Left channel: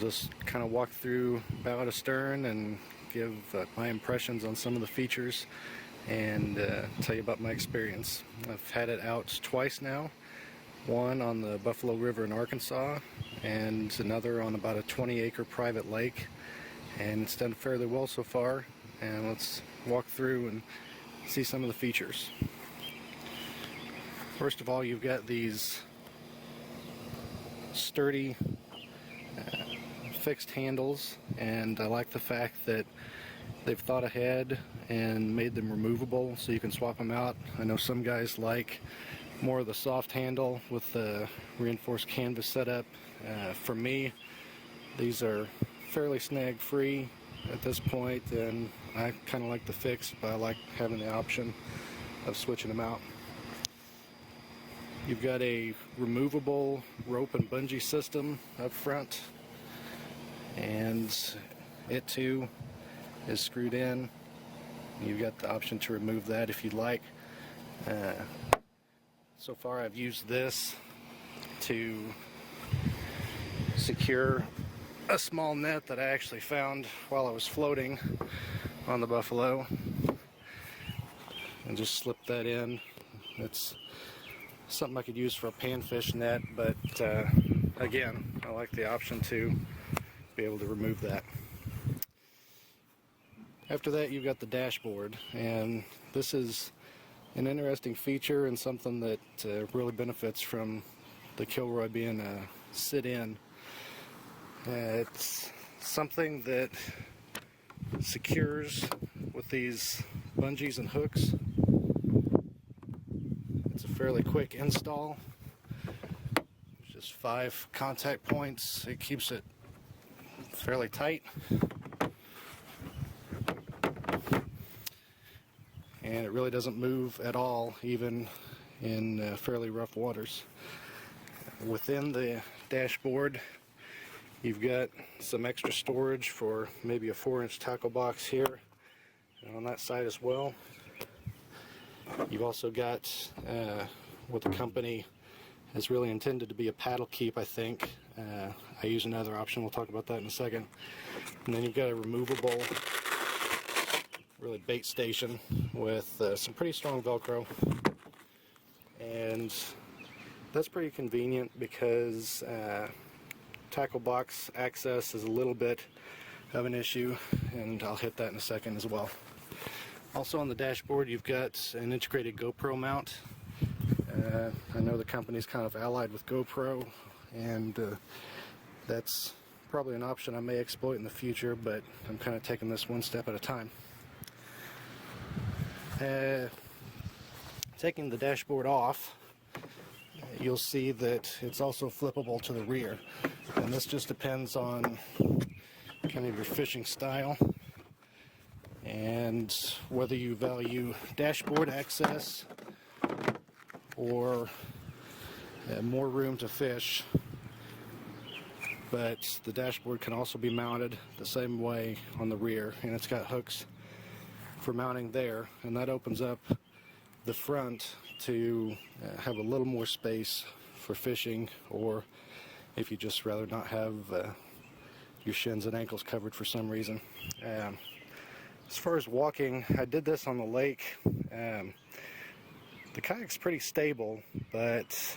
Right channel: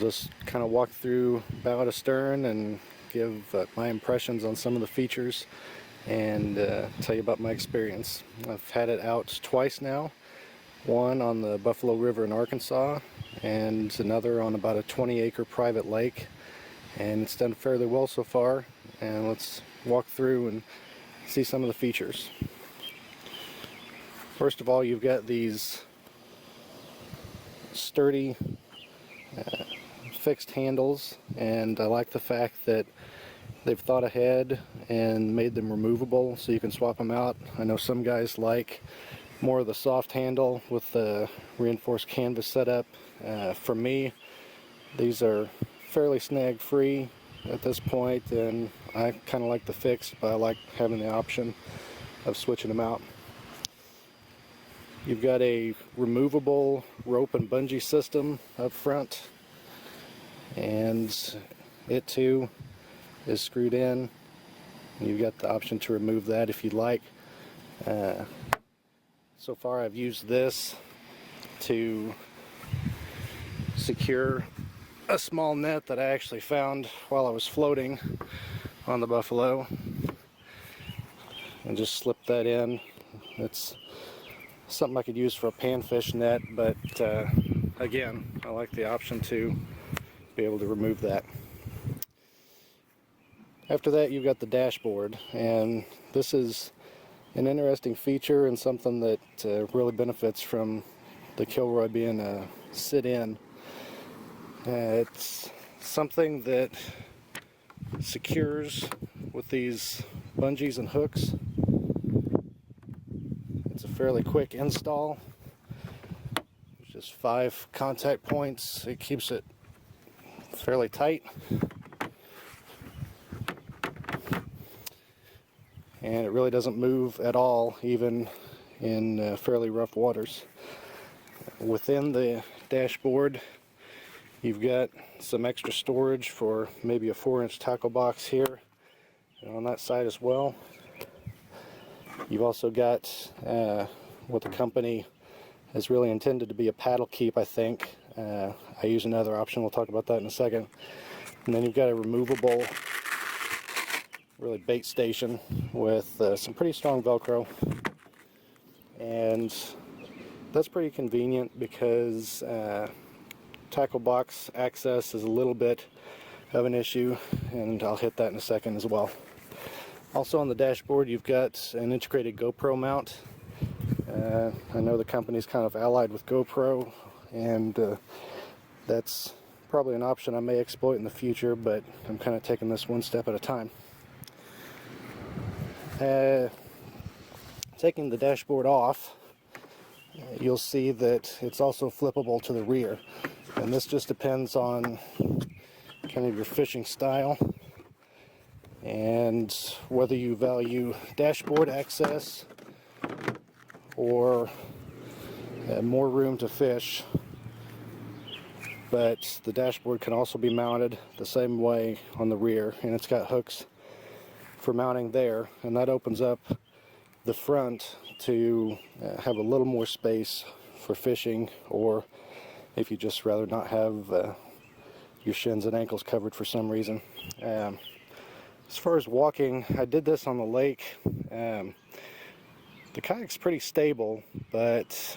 just kind of walk through bow to stern and give my impressions on some of the features and tell you about my experience. I've had it out twice now, one on the Buffalo River in Arkansas and another on about a 20-acre private lake, and it's done fairly well so far. And let's walk through and see some of the features. First of all, you've got these sturdy fixed handles, and I like the fact that they've thought ahead and made them removable so you can swap them out. I know some guys like more of the soft handle with the reinforced canvas setup. For me, these are fairly snag free at this point, and I kind of like the fixed, but I like having the option of switching them out. You've got a removable rope and bungee system up front, and it too is screwed in. You've got the option to remove that if you'd like. So far I've used this to secure a small net that I actually found while I was floating on the Buffalo, and just slip that in. It's something I could use for a panfish net, but again, I like the option to be able to remove that. After that, you've got the dashboard, and this is an interesting feature and something that really benefits from the Kilroy being a sit-in. It's something that secures with these bungees and hooks. It's a fairly quick install. There's just 5 contact points. It keeps it fairly tight, and it really doesn't move at all, even in fairly rough waters. Within the dashboard, you've got some extra storage for maybe a 4-inch tackle box here and on that side as well. You've also got what the company has really intended to be a paddle keep, I think. I use another option, we'll talk about that in a second. And then you've got a removable, really bait station with some pretty strong Velcro, and that's pretty convenient because tackle box access is a little bit of an issue, and I'll hit that in a second as well. Also on the dashboard, you've got an integrated GoPro mount. I know the company's kind of allied with GoPro, and that's probably an option I may exploit in the future, but I'm kind of taking this one step at a time. Taking the dashboard off, you'll see that it's also flippable to the rear, and this just depends on kind of your fishing style and whether you value dashboard access or more room to fish. But the dashboard can also be mounted the same way on the rear, and it's got hooks for mounting there, and that opens up the front to have a little more space for fishing, or if you just rather not have your shins and ankles covered for some reason. As far as walking, I did this on the lake. The kayak's pretty stable, but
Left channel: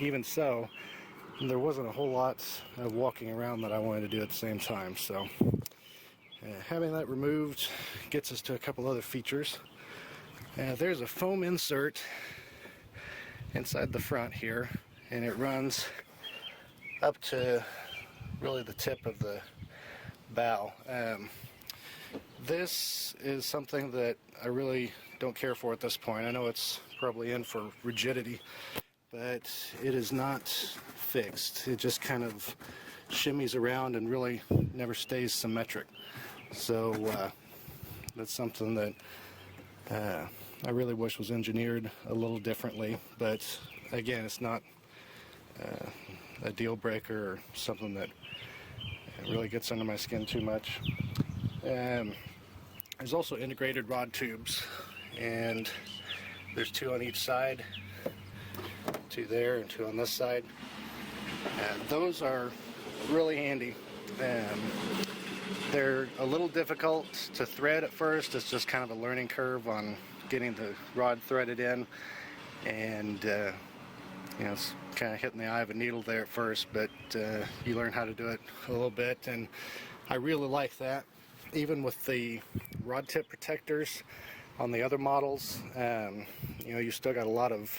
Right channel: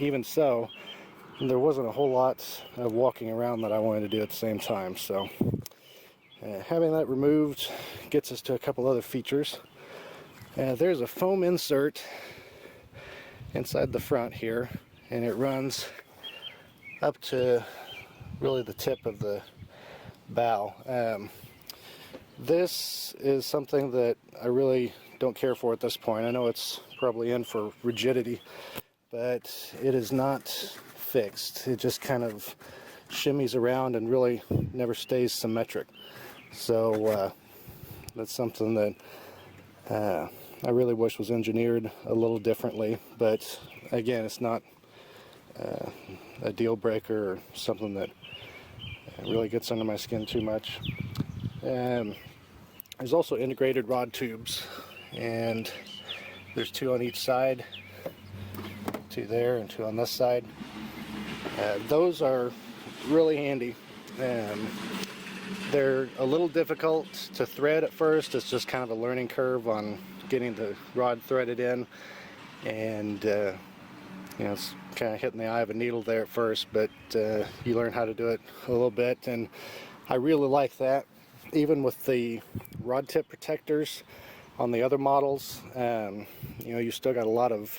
even so, there wasn't a whole lot of walking around that I wanted to do at the same time. So having that removed gets us to a couple other features. There's a foam insert inside the front here, and it runs up to really the tip of the bow. This is something that I really don't care for at this point. I know it's probably in for rigidity, but it is not fixed. It just kind of shimmies around and really never stays symmetric. So that's something that I really wish was engineered a little differently, but again, it's not a deal breaker or something that really gets under my skin too much. There's also integrated rod tubes, and there's 2 on each side, 2 there and 2 on this side. Those are really handy. They're a little difficult to thread at first. It's just kind of a learning curve on getting the rod threaded in, and you know, it's kind of hitting the eye of a needle there at first, but you learn how to do it a little bit, and I really like that. Even with the rod tip protectors on the other models, you know, you still got a lot of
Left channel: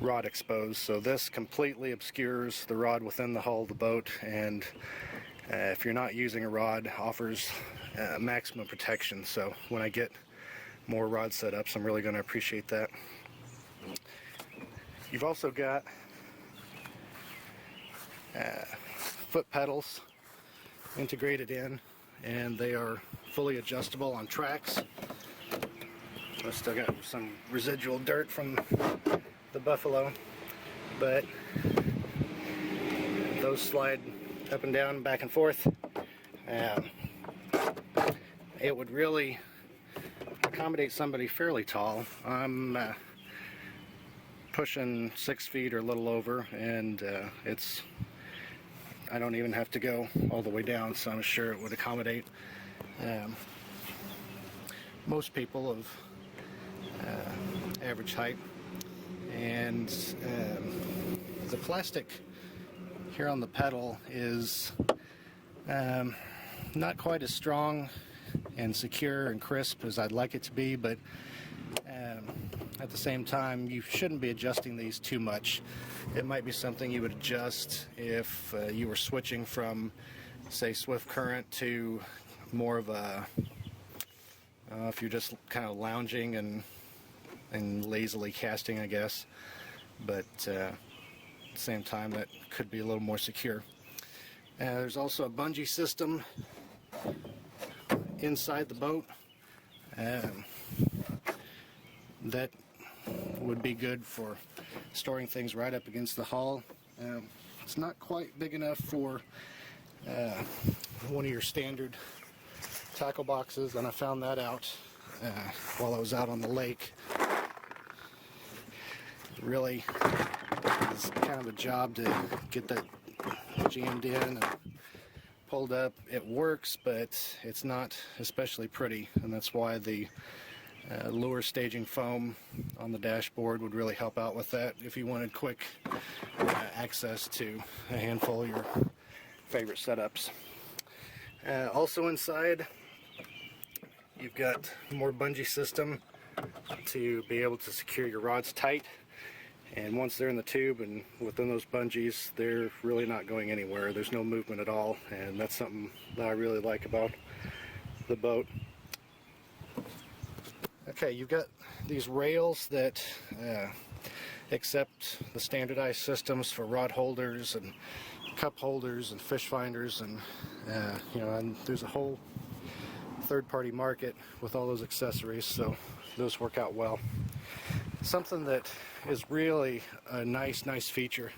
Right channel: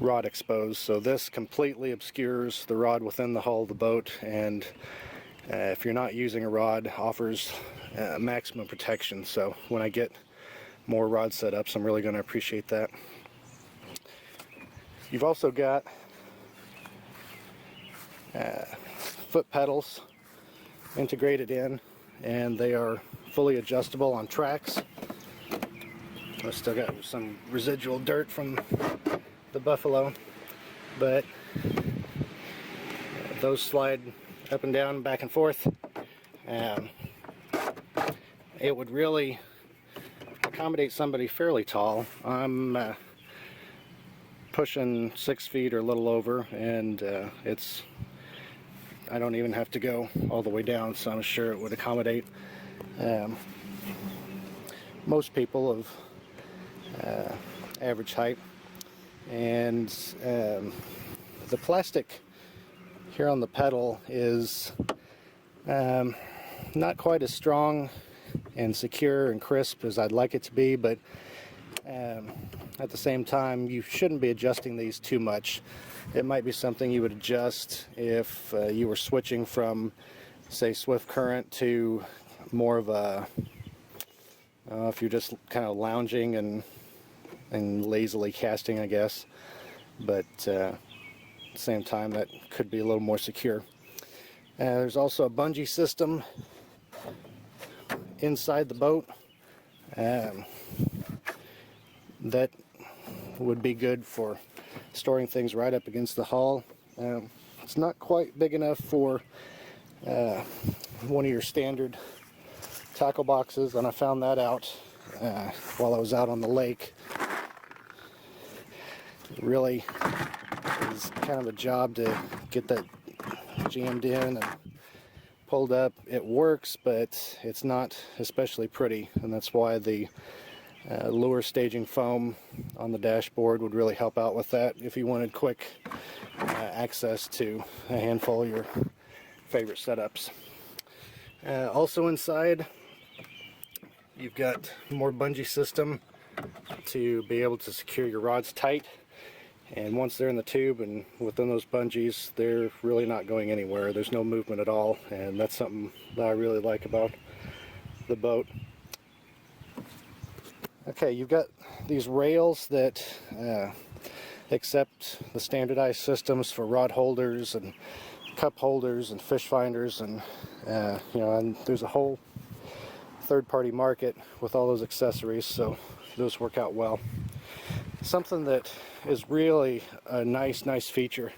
rod exposed, so this completely obscures the rod within the hull of the boat, and if you're not using a rod, offers maximum protection. So when I get more rod setups, I'm really going to appreciate that. You've also got foot pedals integrated in, and they are fully adjustable on tracks. I still got some residual dirt from the Buffalo, but those slide up and down, back and forth. It would really accommodate somebody fairly tall. I'm pushing 6 feet or a little over, and I don't even have to go all the way down, so I'm sure it would accommodate most people of average height. And the plastic here on the pedal is not quite as strong and secure and crisp as I'd like it to be, but at the same time, you shouldn't be adjusting these too much. It might be something you would adjust if you were switching from, say, swift current to more of a, if you're just kind of lounging and lazily casting, I guess. But at the same time, that could be a little more secure. There's also a bungee system inside the boat that would be good for storing things right up against the hull. It's not quite big enough for one of your standard tackle boxes, and I found that out while I was out on the lake. It really is kind of a job to get that jammed in and pulled up. It works, but it's not especially pretty, and that's why the lure staging foam on the dashboard would really help out with that if you wanted quick access to a handful of your favorite setups. Also inside, you've got more bungee system to be able to secure your rods tight, and once they're in the tube and within those bungees, they're really not going anywhere. There's no movement at all, and that's something that I really like about the boat. Okay, you've got these rails that accept the standardized systems for rod holders and cup holders and fish finders, and you know, and there's a whole third-party market with all those accessories, so those work out well. Something that is really a nice feature,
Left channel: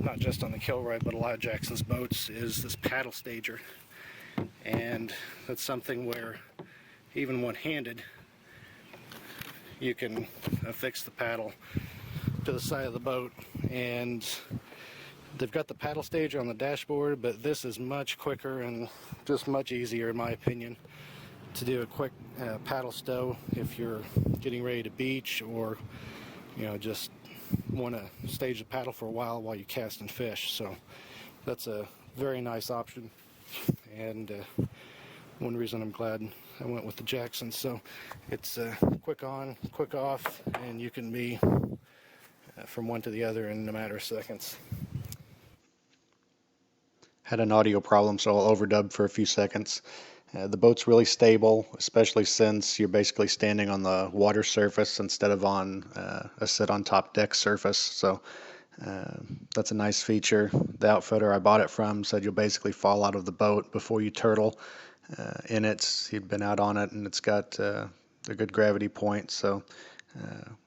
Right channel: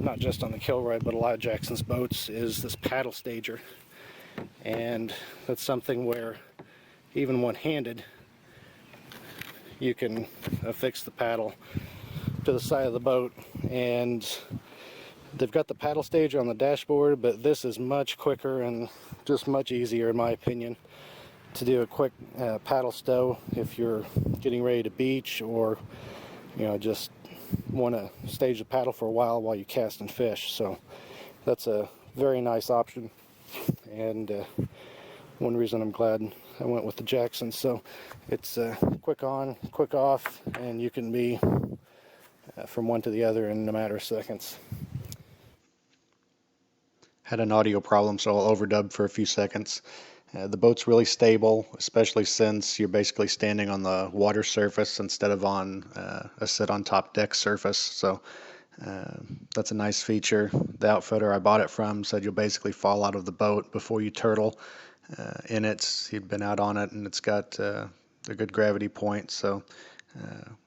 not just on the Kilroy but a lot of Jackson's boats, is this paddle stager, and that's something where even one-handed you can affix the paddle to the side of the boat, and they've got the paddle stager on the dashboard, but this is much quicker and just much easier, in my opinion, to do a quick paddle stow if you're getting ready to beach, or you know, just want to stage the paddle for a while you cast and fish. So that's a very nice option, and one reason I'm glad I went with the Jackson. So it's quick on, quick off, and you can be from one to the other in a matter of seconds. Had an audio problem, so I'll overdub for a few seconds. The boat's really stable, especially since you're basically standing on the water surface instead of on a sit-on-top deck surface. So that's a nice feature. The outfitter I bought it from said you'll basically fall out of the boat before you turtle in it. He'd been out on it, and it's got a good gravity point, so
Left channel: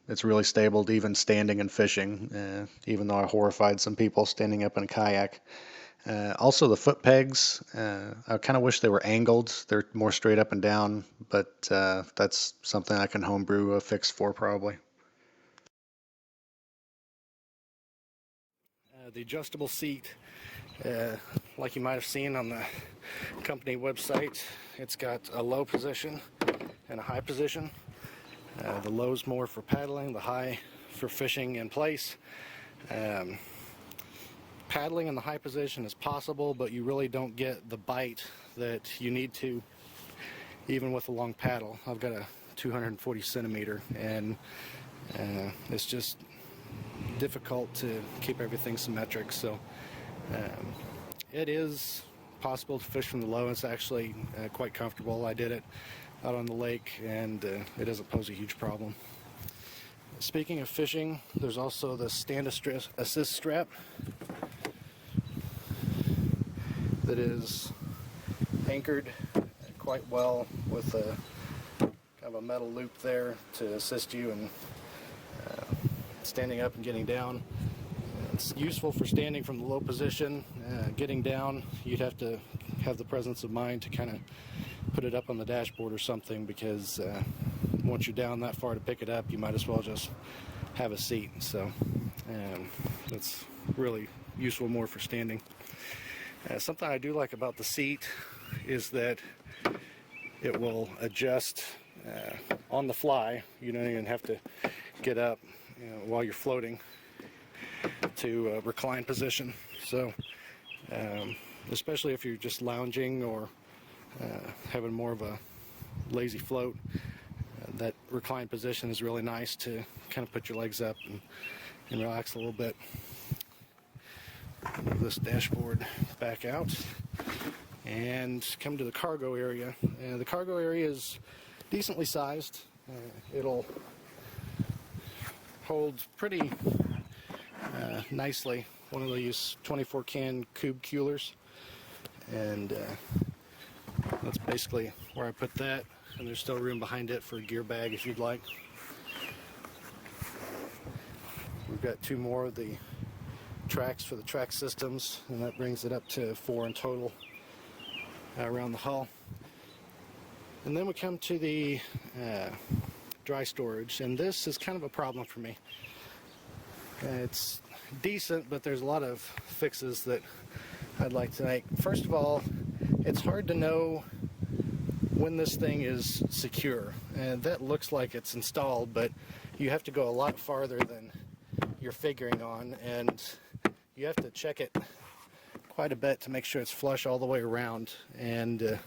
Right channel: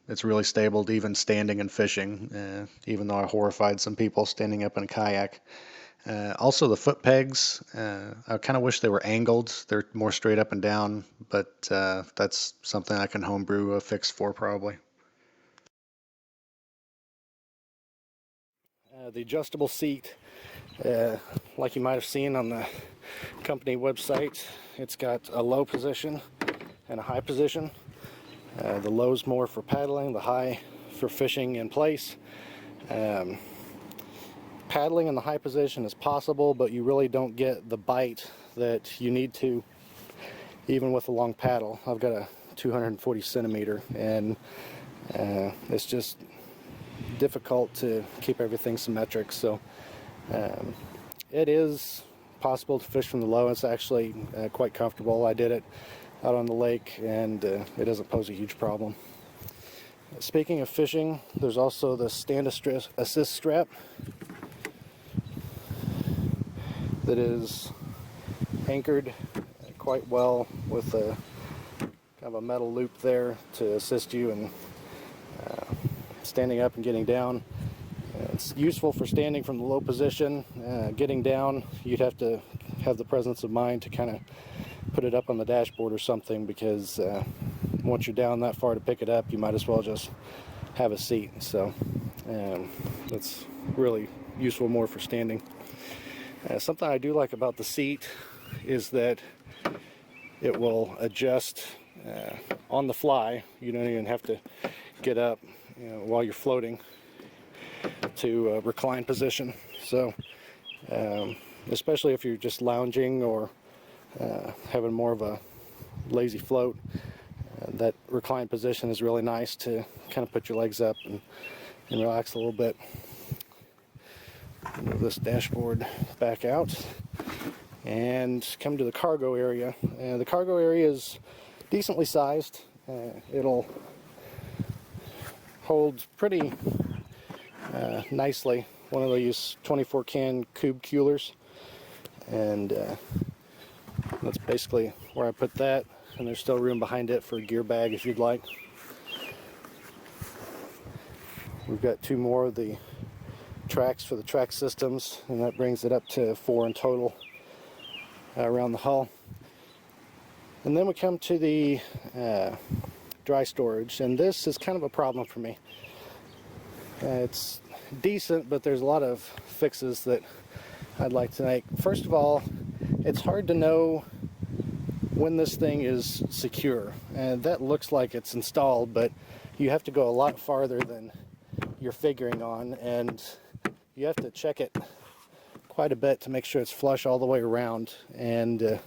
it's really stable to even standing and fishing, even though I horrified some people standing up in a kayak. Also, the foot pegs, I kind of wish they were angled. They're more straight up and down, but that's something I can homebrew a fix for probably. The adjustable seat Like you might have seen on the company website, it's got a low position and a high position. The low's more for paddling, the high for fishing in place. Paddling in the high position is possible, but you really don't get the bite that you need to, even with a long paddle. I've got a 240 centimeter, and it's just difficult to keep everything symmetric. So it is possible to fish from the low. It's actually quite comfortable. I did it out on the lake, and it doesn't pose a huge problem. Speaking of fishing, there's also the stand assist strap that is anchored quite well with a kind of a metal loop there to assist you in standing up and getting down. It's useful for standing from the low position. Getting down, you'd have to have the presence of mind to kind of put it up on the dashboard or something, because once you're down that far to pick it up, you might as well just have a seat. So that's really useful more for standing. Something I do like about the seat is that it will adjust on the fly. You don't even have to get up, while you're floating, to recline position. So especially if you're just lounging or having more of a lazy float, that recline position is really nice to kind of put your legs up and relax a little bit. Move this dashboard back out and come to the cargo area. The cargo area is decently sized. It'll hold pretty nicely. One of these 24 can cube coolers, and that's basically where I put that, and there's still room behind it for a gear bag if you'd like. We've got two more of the tracks for the track systems, and that brings it up to 4 in total around the hull. And then we come to the dry storage, and this is kind of a problem for me. It's decent, but there's a lot of fixes that I'd like to make. First of all, it's hard to know when this thing is secure, and that looks like it's installed, but you have to go a lot farther than you're figuring on, and you have to check it quite a bit to make sure it's flush all the way around. And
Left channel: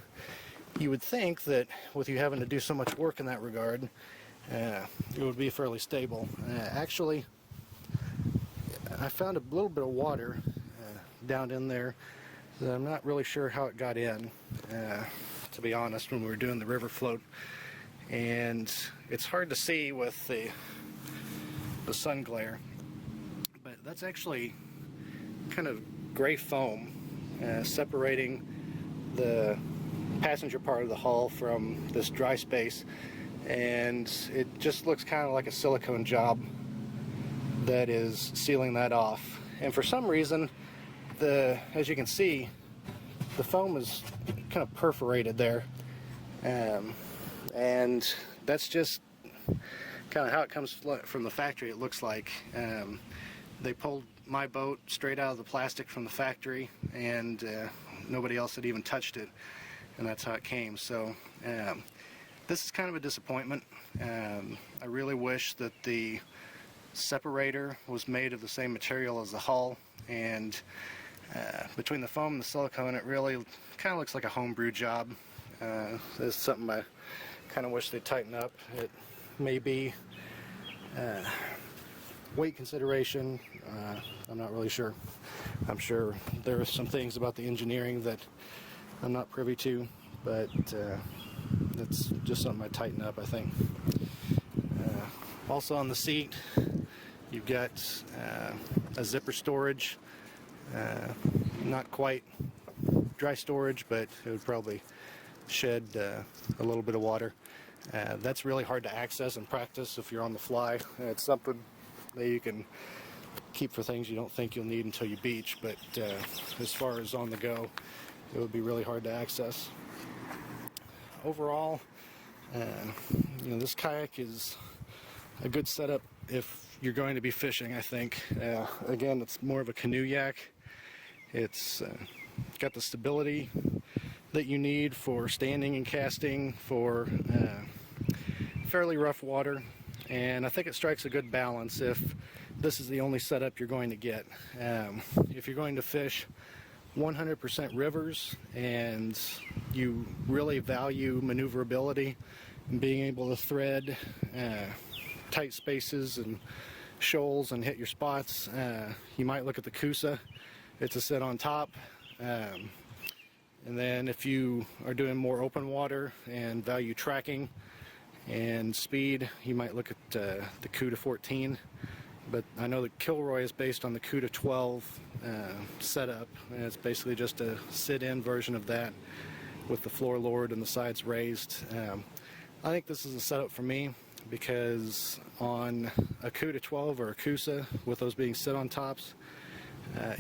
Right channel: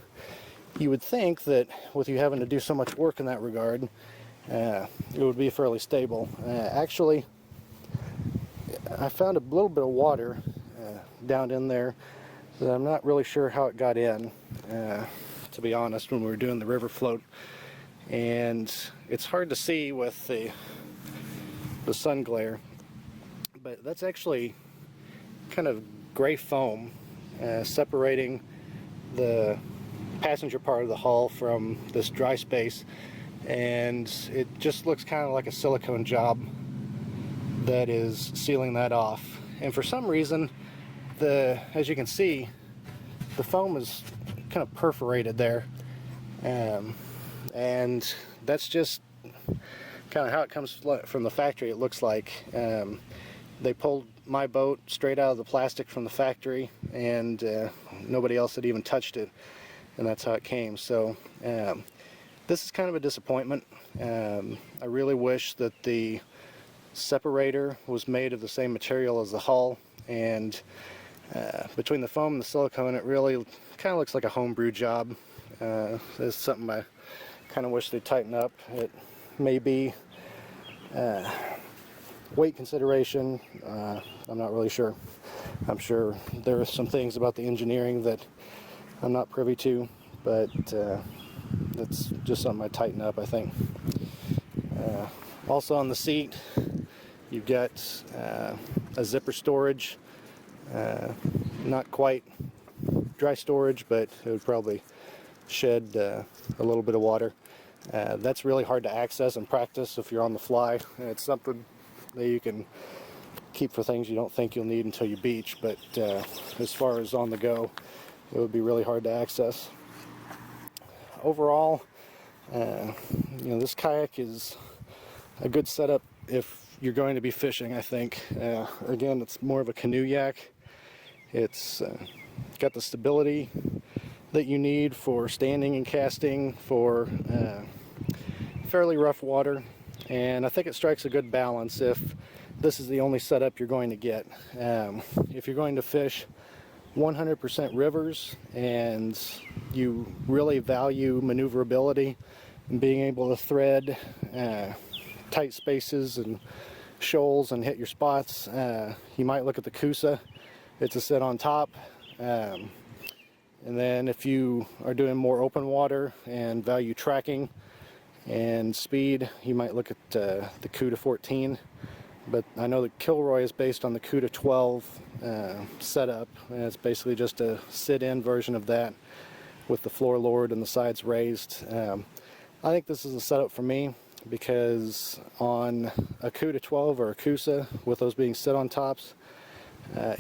you would think that with you having to do so much work in that regard, it would be fairly stable. Actually, I found a little bit of water down in there that I'm not really sure how it got in, to be honest, when we were doing the river float. And it's hard to see with the sun glare, but that's actually kind of gray foam separating the passenger part of the hull from this dry space, and it just looks kind of like a silicone job that is sealing that off. And for some reason, as you can see, the foam is kind of perforated there, and that's just kind of how it comes from the factory. It looks like they pulled my boat straight out of the plastic from the factory, and nobody else had even touched it, and that's how it came. So this is kind of a disappointment. I really wish that the separator was made of the same material as the hull, and between the foam and the silicone, it really kind of looks like a homebrew job. It's something I kind of wish they'd tighten up. It may be weight consideration. I'm not really sure. I'm sure there are some things about the engineering that I'm not privy to, but that's just something I tighten up, I think. Also on the seat, you've got a zipper storage. Not quite dry storage, but it would probably shed a little bit of water. That's really hard to access and practice if you're on the fly. It's something that you can keep for things you don't think you'll need until you beach, but as far as on the go, it would be really hard to access. Overall, this kayak is a good setup if you're going to be fishing, I think. Again, it's more of a canoe yak, It's got the stability that you need for standing and casting for fairly rough water, and I think it strikes a good balance if this is the only setup you're going to get. If you're going to fish 100% rivers and you really value maneuverability and being able to thread tight spaces and shoals and hit your spots, you might look at the Coosa. It's a sit on top. And then if you are doing more open water and value tracking and speed, you might look at the CUDA 14. But I know the Kilroy is based on the CUDA 12 setup, and it's basically just a sit-in version of that with the floor lowered and the sides raised. I think this is a setup for me because on a CUDA 12 or a Coosa, with those being sit-on tops,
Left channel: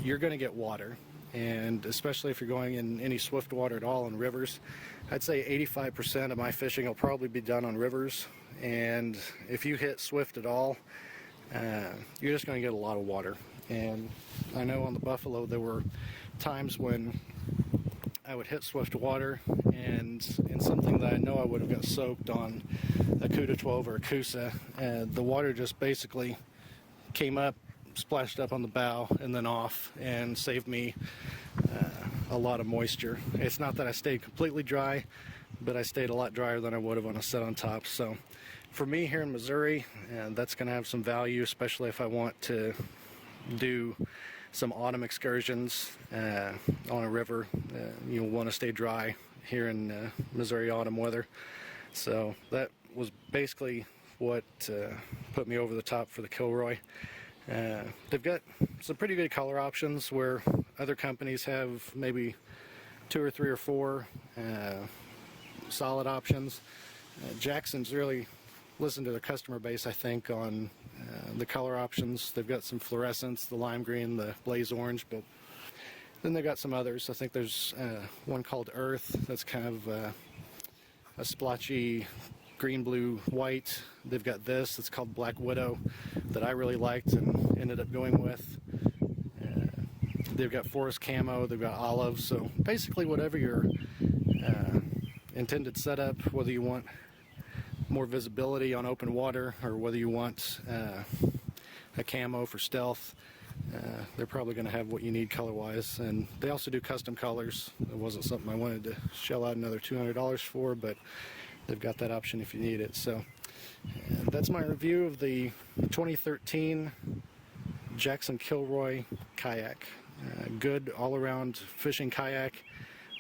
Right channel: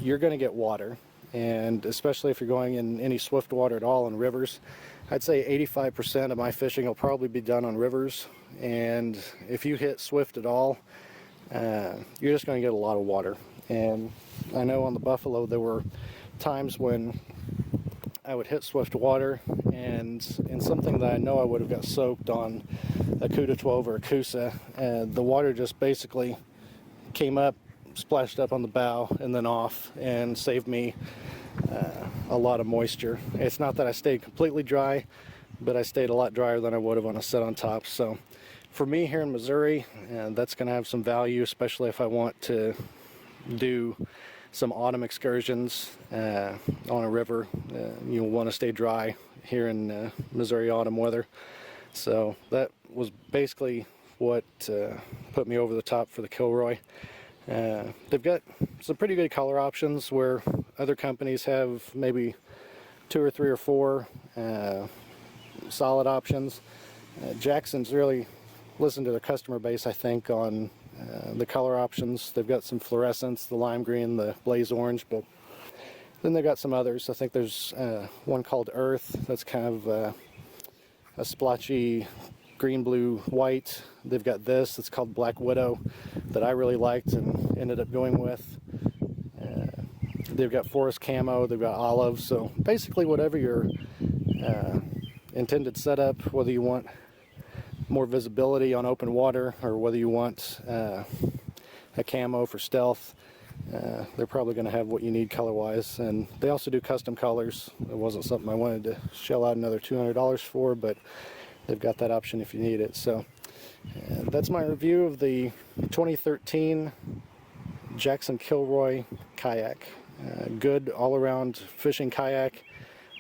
you're going to get water. And especially if you're going in any swift water at all in rivers, I'd say 85% of my fishing will probably be done on rivers. And if you hit swift at all, you're just going to get a lot of water. And I know on the Buffalo there were times when I would hit swift water, and in something that I know I would have got soaked on a CUDA 12 or a Coosa, and the water just basically came up, splashed up on the bow and then off, and saved me a lot of moisture. It's not that I stayed completely dry, but I stayed a lot drier than I would have on a set on top. So for me here in Missouri, that's going to have some value, especially if I want to do some autumn excursions on a river. You'll want to stay dry here in Missouri autumn weather. So that was basically what put me over the top for the Kilroy. They've got some pretty good color options where other companies have maybe 2 or 3 or 4 solid options. Jackson's really listened to the customer base, I think, on the color options. They've got some fluorescents, the lime green, the blaze orange, but then they've got some others. I think there's one called Earth that's kind of a splotchy green, blue, white. They've got this, it's called Black Widow, that I really liked and ended up going with. They've got forest camo, they've got olive, so basically whatever your intended setup, whether you want more visibility on open water or whether you want a camo for stealth, they're probably going to have what you need color-wise. And they also do custom colors. It wasn't something I wanted to shell out another $200 for, but they've got that option if you need it. So that's my review of the 2013 Jackson Kilroy kayak. Good all-around fishing kayak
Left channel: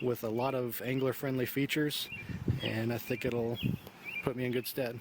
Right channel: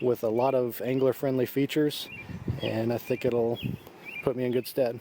with a lot of angler-friendly features, and I think it'll put me in good stead.